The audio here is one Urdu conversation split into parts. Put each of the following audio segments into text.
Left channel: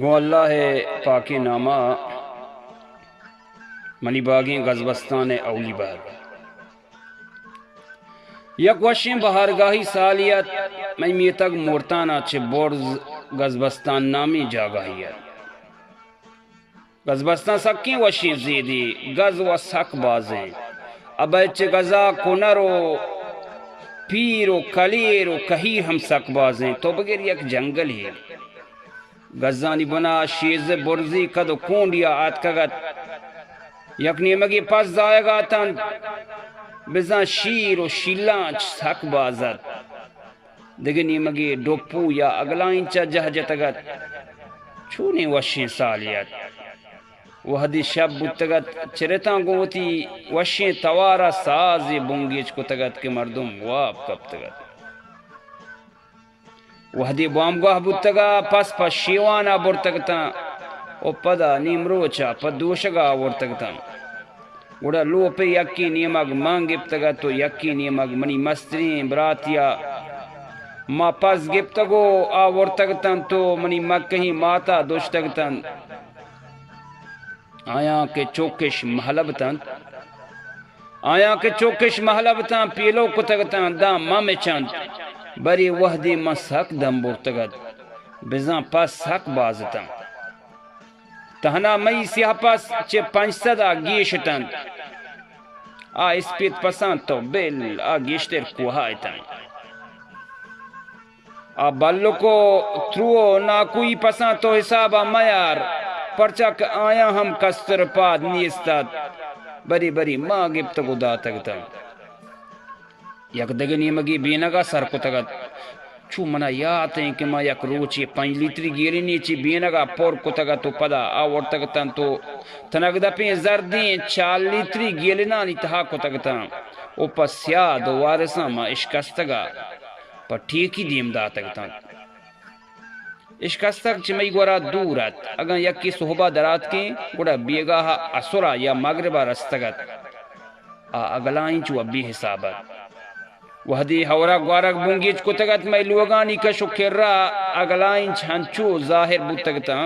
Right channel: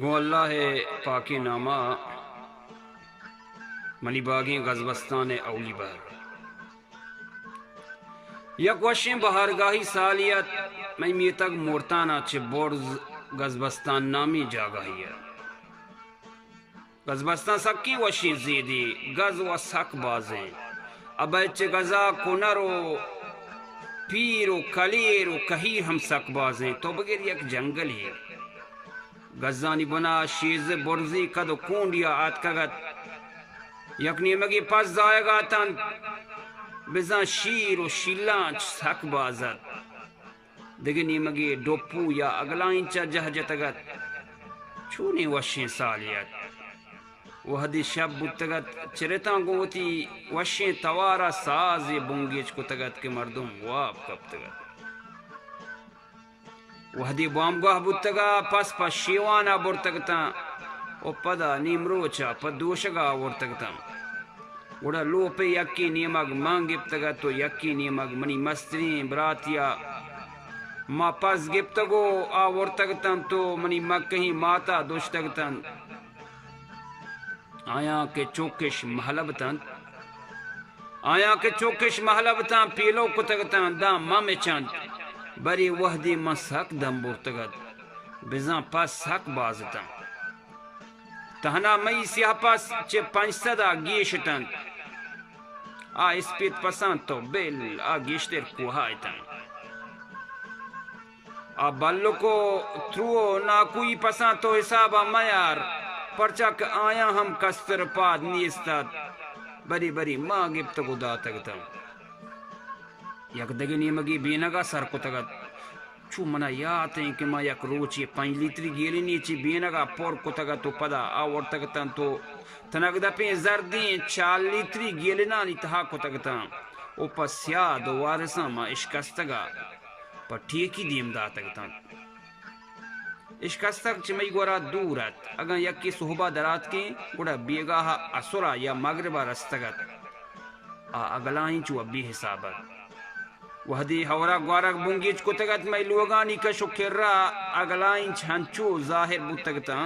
گو اللہ پاک نامہ منی باغیں غزبستان اولی بار یک وشیں بہارگاہی سالیت میں میتگ مورتانا چھ بورز غزبستان نامی جاگاہیت غزبستان سکی وشیں زیدی غز و سک بازیں ابے چھ غزا کنر و پیر و کلیر و کہیر ہم سک بازیں تو بغیر یک جنگل ہی غزانی بنا شیز برزی کد و کونڈیا آت کگت یک نیمگی پس زائے گاتن بزن شیر و شیلانچ سک بازت دیگه نیمگی ڈوپو یا اگلائن چا جہ جتگت چونی وشیں سالیت وحدی شب بتگت چرتاں گوتی وشیں توارا سازی بنگیچ کو تگت کے مردم واب کب تگت وحدی بامگاہ بتگا پس شیوانا برتگتا او پدا نیم روچا پد دوشگا ورتگتا وڑا لو پہ یکی نیمگ مانگ گپتگا تو یکی نیمگ منی مسترین براتیا ما پس گپتگو آورتگتن تو منی مکہی ماتا دوشتگتن آیا کہ چوکش محلبتن محلبتن پیلو کتگتن دا مامی چند بری وحدی من سک دم برتگت بزن پس سک بازتن تہنا مئی سیاہ پس چے 500 گیشتن اسپیت پسند تو بل گیشتر کوہایتن بلو کو ترو ناکوئی پسند تو حسابا میار پرچک آیا ہم کستر پاد نیستاد بری بری ما گپتگو داتگتا یک دگنی مگی بینگا سر کو تگت چو منا یاد ہیں کہ ما یک روچی 5 لیتری گیری نیچی بینگا پور کو تگت تو پدا آور تگتن تو تنگ دپیں زردیں 4 لیتری گیلنا نیتہا کو تگتن او پس یاد وارسا ما اشکستگا پر ٹھیکی دیم داتگتن اشکستگ چمی گورا دورت اگر یکی صحبہ درات کے گوڑا بیگاہ اسرا یا مغربہ رستگت اگلائیں چو ابی حسابت وحدی ہورا گوارک بنگیچ کو تگت میں لوگانی کشو کر اگلائیں چھنچو ظاہر بوتگتا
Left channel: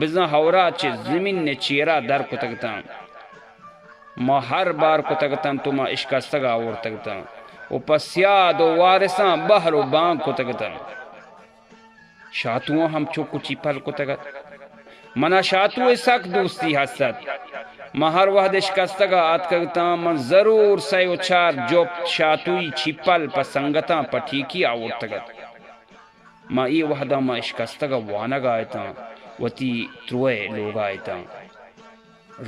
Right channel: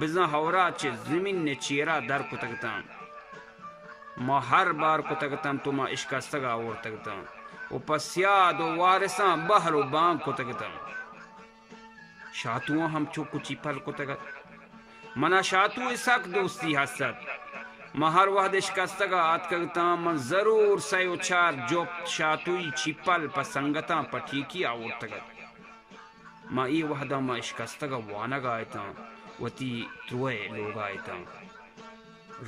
بزن ہورا چھ زمین نے چیرا در کو تگتا ما ہر بار کو تگتا تو ما اشکستگا اور تگتا او پس یاد و وارسان بحر و بانگ کو تگتا شاتوان ہم چوکو چیپل کو تگت منا شاتو سک دوستی حسد ما ہر وحد اشکستگا آت کگتا من ضرور سیو 4 جوپ شاتوی چیپل پسنگتا پٹھیکی آور تگت ما ای وحدہ ما اشکستگا وانگ آئیتا وطی تروے لوگ آئیتا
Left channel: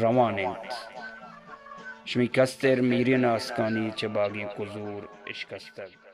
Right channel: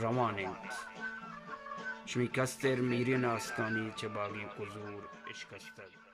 روانت شمی کستر میرین آسکانی چباگی کزور اشکستگ